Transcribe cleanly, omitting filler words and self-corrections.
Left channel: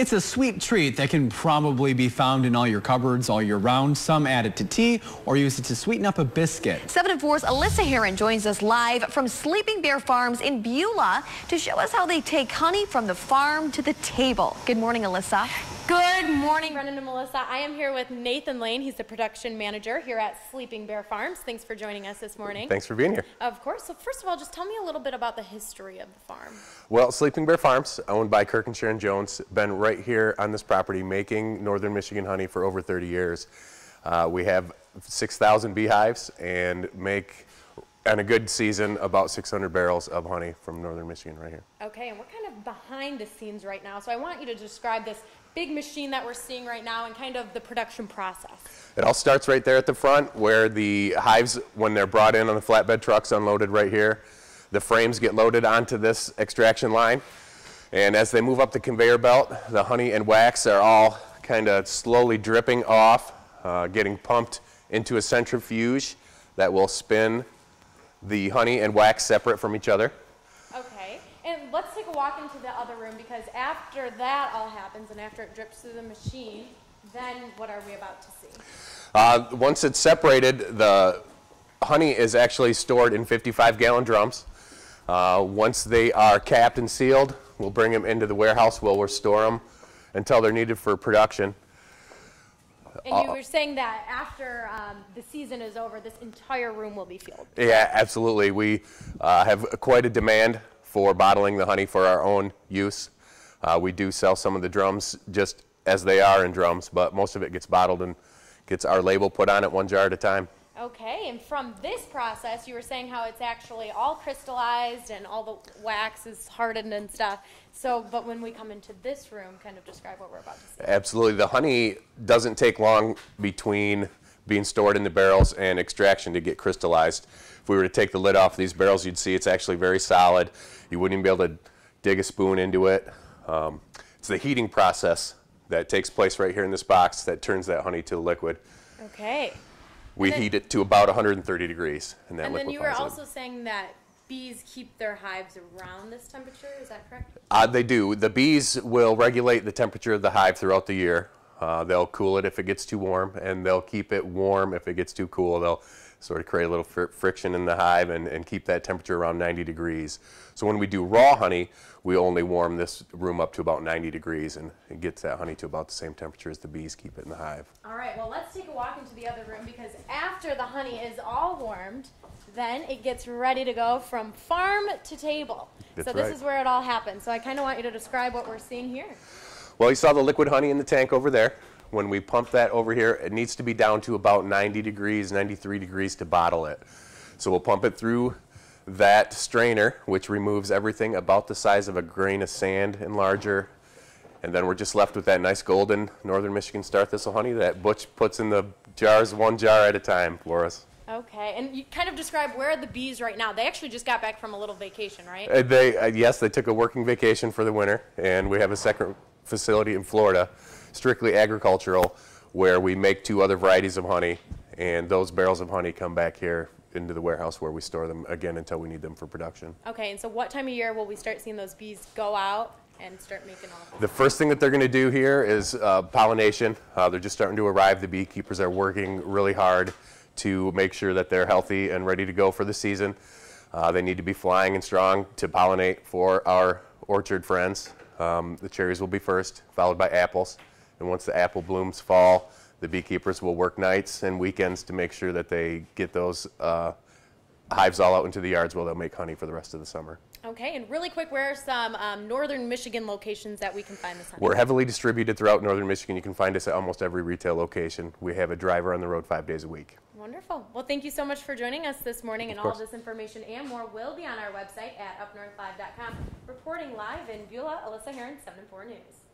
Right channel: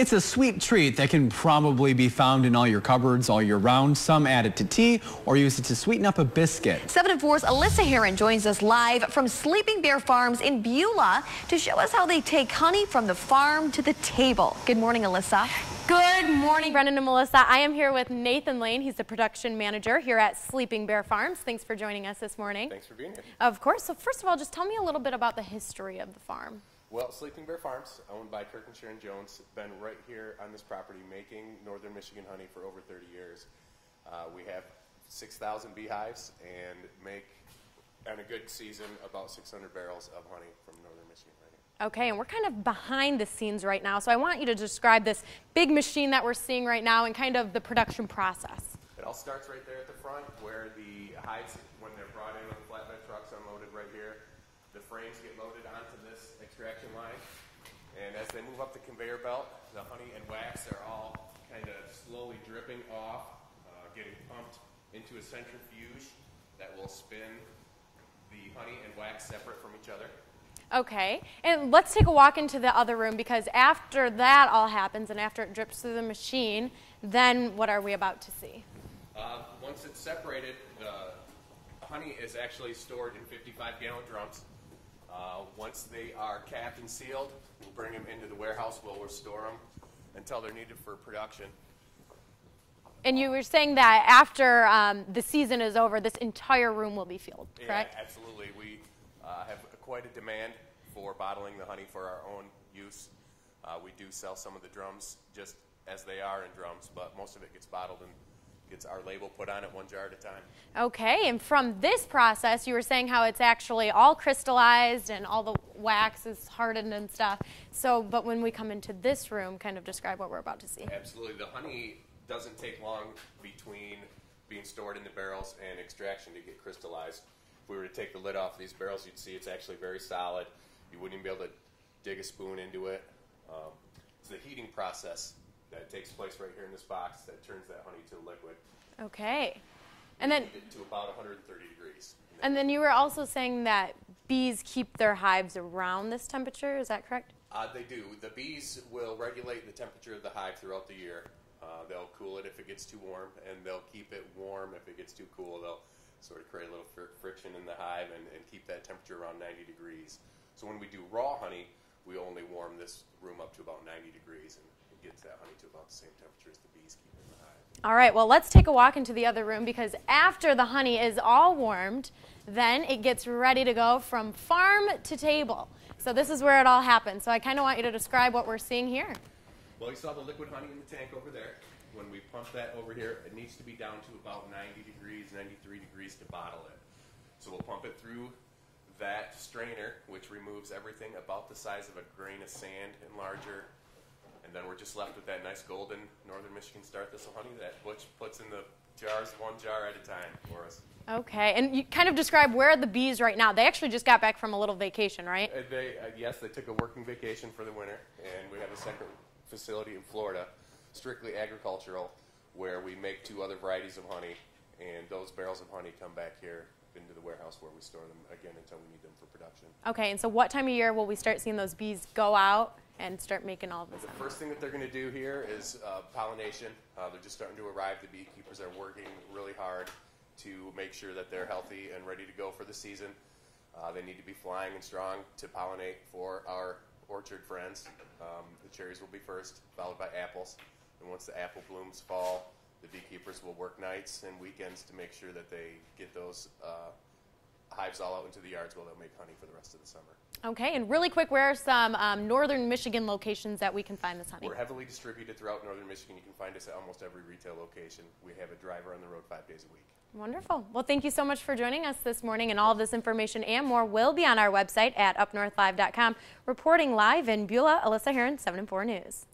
It's a sweet treat that can probably be found in all your cupboards all year round. Some add it to tea or use it to sweeten up a biscuit. 7 and 4's Alyssa Heron joins us live from Sleeping Bear Farms in Beulah to show us how they take honey from the farm to the table. Good morning, Alyssa. Good morning, Brendan and Melissa. I am here with Nathan Lane. He's the production manager here at Sleeping Bear Farms. Thanks for joining us this morning. Thanks for being here. Of course. So first of all, just tell me a little bit about the history of the farm. Well, Sleeping Bear Farms, owned by Kirkenshaw and Jones, been right here on this property making northern Michigan honey for over 30 years. We have 6,000 beehives and make, on a good season, about 600 barrels of honey from northern Michigan right here. Okay, and we're kind of behind the scenes right now, so I want you to describe this big machine that we're seeing right now and kind of the production process. It all starts right there at the front where the hives, when they're brought in on the flatbed trucks, unloaded right here. The frames get loaded onto this extraction line, and as they move up the conveyor belt, the honey and wax are all kind of slowly dripping off, getting pumped into a centrifuge that will spin the honey and wax separate from each other. Okay, and let's take a walk into the other room, because after that all happens and after it drips through the machine, then what are we about to see? Once it's separated, the honey is actually stored in 55-gallon drums. Once they are capped and sealed, we'll bring them into the warehouse where we'll store them until they're needed for production. And you were saying that after the season is over, this entire room will be filled. Yeah, absolutely. We have quite a demand for bottling the honey for our own use. We do sell some of the drums just as they are in drums, but most of it gets bottled and gets our label put on it 1 jar at a time. Okay, and from this process, you were saying how it's actually all crystallized and all the wax is hardened and stuff. So, but when we come into this room, kind of describe what we're about to see. Absolutely. The honey doesn't take long between being stored in the barrels and extraction to get crystallized. If we were to take the lid off these barrels, you'd see it's actually very solid. You wouldn't even be able to dig a spoon into it. It's the heating process that takes place right here in this box that turns that honey to liquid. Okay. We heat it to about 130 degrees. And then you were also saying that bees keep their hives around this temperature, is that correct? They do. The bees will regulate the temperature of the hive throughout the year. They'll cool it if it gets too warm, and they'll keep it warm if it gets too cool. They'll sort of create a little friction in the hive and keep that temperature around 90 degrees. So when we do raw honey, we only warm this room up to about 90 degrees, and it gets that honey to about the same temperature as the bees keep it in the hive. All right, well, let's take a walk into the other room, because after the honey is all warmed, then it gets ready to go from farm to table. So this is where it all happens. So I kind of want you to describe what we're seeing here. Well, you saw the liquid honey in the tank over there. When we pump that over here, it needs to be down to about 90 degrees, 93 degrees to bottle it. So we'll pump it through that strainer, which removes everything about the size of a grain of sand and larger. And then we're just left with that nice golden northern Michigan star thistle honey that Butch puts in the jars, 1 jar at a time for us. Okay, and you kind of describe where are the bees right now. They actually just got back from a little vacation, right? Yes, they took a working vacation for the winter, and we have a second facility in Florida, strictly agricultural, where we make 2 other varieties of honey, and those barrels of honey come back here into the warehouse where we store them again until we need them for production. Okay, and so what time of year will we start seeing those bees go out and start making all this? The first thing that they're going to do here is pollination. They're just starting to arrive. The beekeepers are working really hard to make sure that they're healthy and ready to go for the season. They need to be flying and strong to pollinate for our orchard friends. The cherries will be first, followed by apples. And once the apple blooms fall, the beekeepers will work nights and weekends to make sure that they get those hives all out into the yards where they'll make honey for the rest of the summer. Okay, and really quick, where are some northern Michigan locations that we can find this honey? We're heavily distributed throughout northern Michigan. You can find us at almost every retail location. We have a driver on the road 5 days a week. Wonderful. Well, thank you so much for joining us this morning, and all of this information and more will be on our website at UpNorthLive.com. Reporting live in Beulah, Alyssa Heron, 7 and 4 News.